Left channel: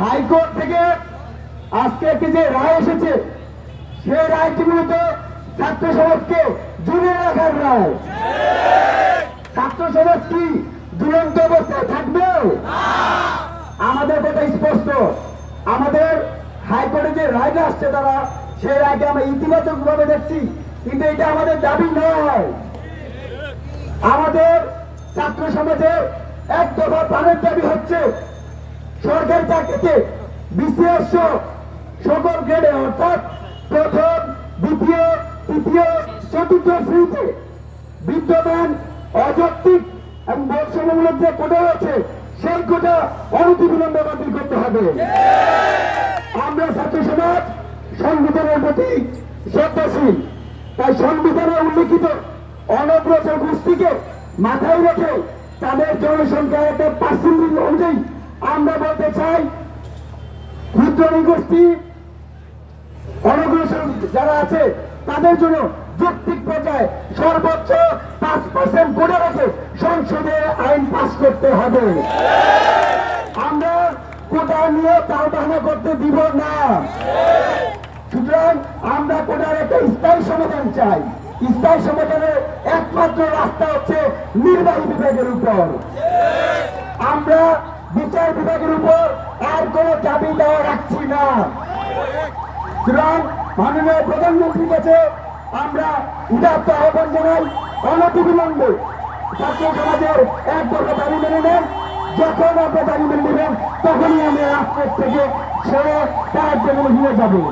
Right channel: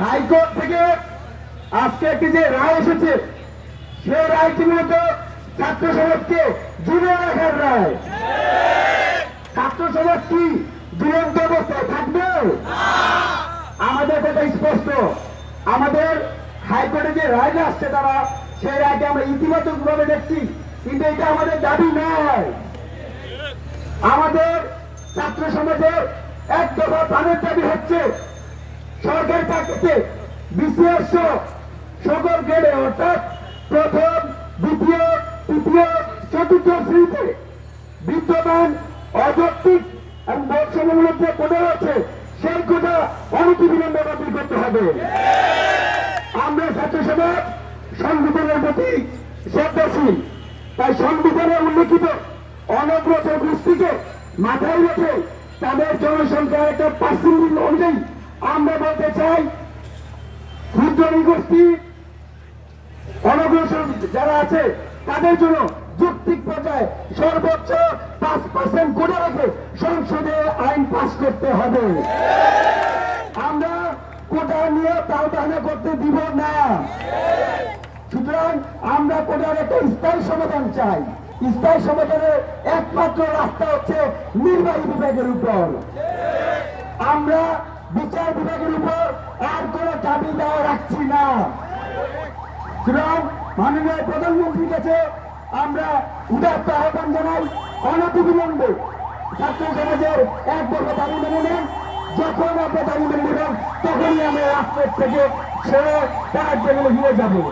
High court থেকে আজকে একটি যে রায় এসেছে, সেই রায়টি মূলত ছাত্র সমাজকে জুড়ে রাখার রায়। ছাত্র সমাজ কি দুরন্ত অবস্থায় থাকবে? আমাদের কথা স্পষ্ট। আমাদের হাইকোর্টে যে রায়টা আসছে, তারা সেই রায়কে আমরা ইতিবাচক ভাবে দেখছি, কিন্তু এটা আমাদের দাবি নয়। আমাদের ছাত্র সমাজের এক দফা প্রাণের দাবি হচ্ছে সরকারি চাকরিতে বিসিএস সকল গ্রেডে, অর্থাৎ প্রথম, দ্বিতীয়, তৃতীয়, চতুর্থ শ্রেণীতে বিদ্যমান অযৌক্তিক এবং বর্ষমূলক যে কোটা আছে, সেই কোটা অনতিবিলম্বে বাতিল করতে হবে। আমরা ছাত্র সমাজ সংবিধানের প্রতি শ্রদ্ধাশীল, তাই সংবিধানে উল্লিখিত অনগ্রসর গোষ্ঠীকে মাথায় রেখে তাদের জনসংখ্যার একটা পার্সেন্টেজ অনুযায়ী আমরা বলতে চাই, ক্ষুদ্র গোষ্ঠী অনগ্রসর যারা আছে তাদের জন্য যৌক্তিক পর্যায়ে সর্বোচ্চ 5% কোটা রেখে সংসদে আইন পাস করতে হবে। আমরা কোটা নিয়ে টালবাহানা করতে দিব না। সুতরাং আমরা কোটার একটা স্থায়ী সমাধান চাই। স্থায়ী সমাধানের একমাত্র রাস্তা হচ্ছে নির্বাহী বিভাগের উপর। আমরা বিচার বিভাগের উপর আর কোনো দাবি দেওয়া রাখছি না। সুতরাং মাননীয় প্রধানমন্ত্রীর কাছে আমরা উদাত্ত আহ্বান জানাই, অনতিবিলম্বে ছাত্র সমাজের এক দফা দাবি মেনে নেন। যখন আপনার দাবি মেনে নেবেন, তখনই আমরা রাজপথ থেকে সরে কাজ হিরে যাবো।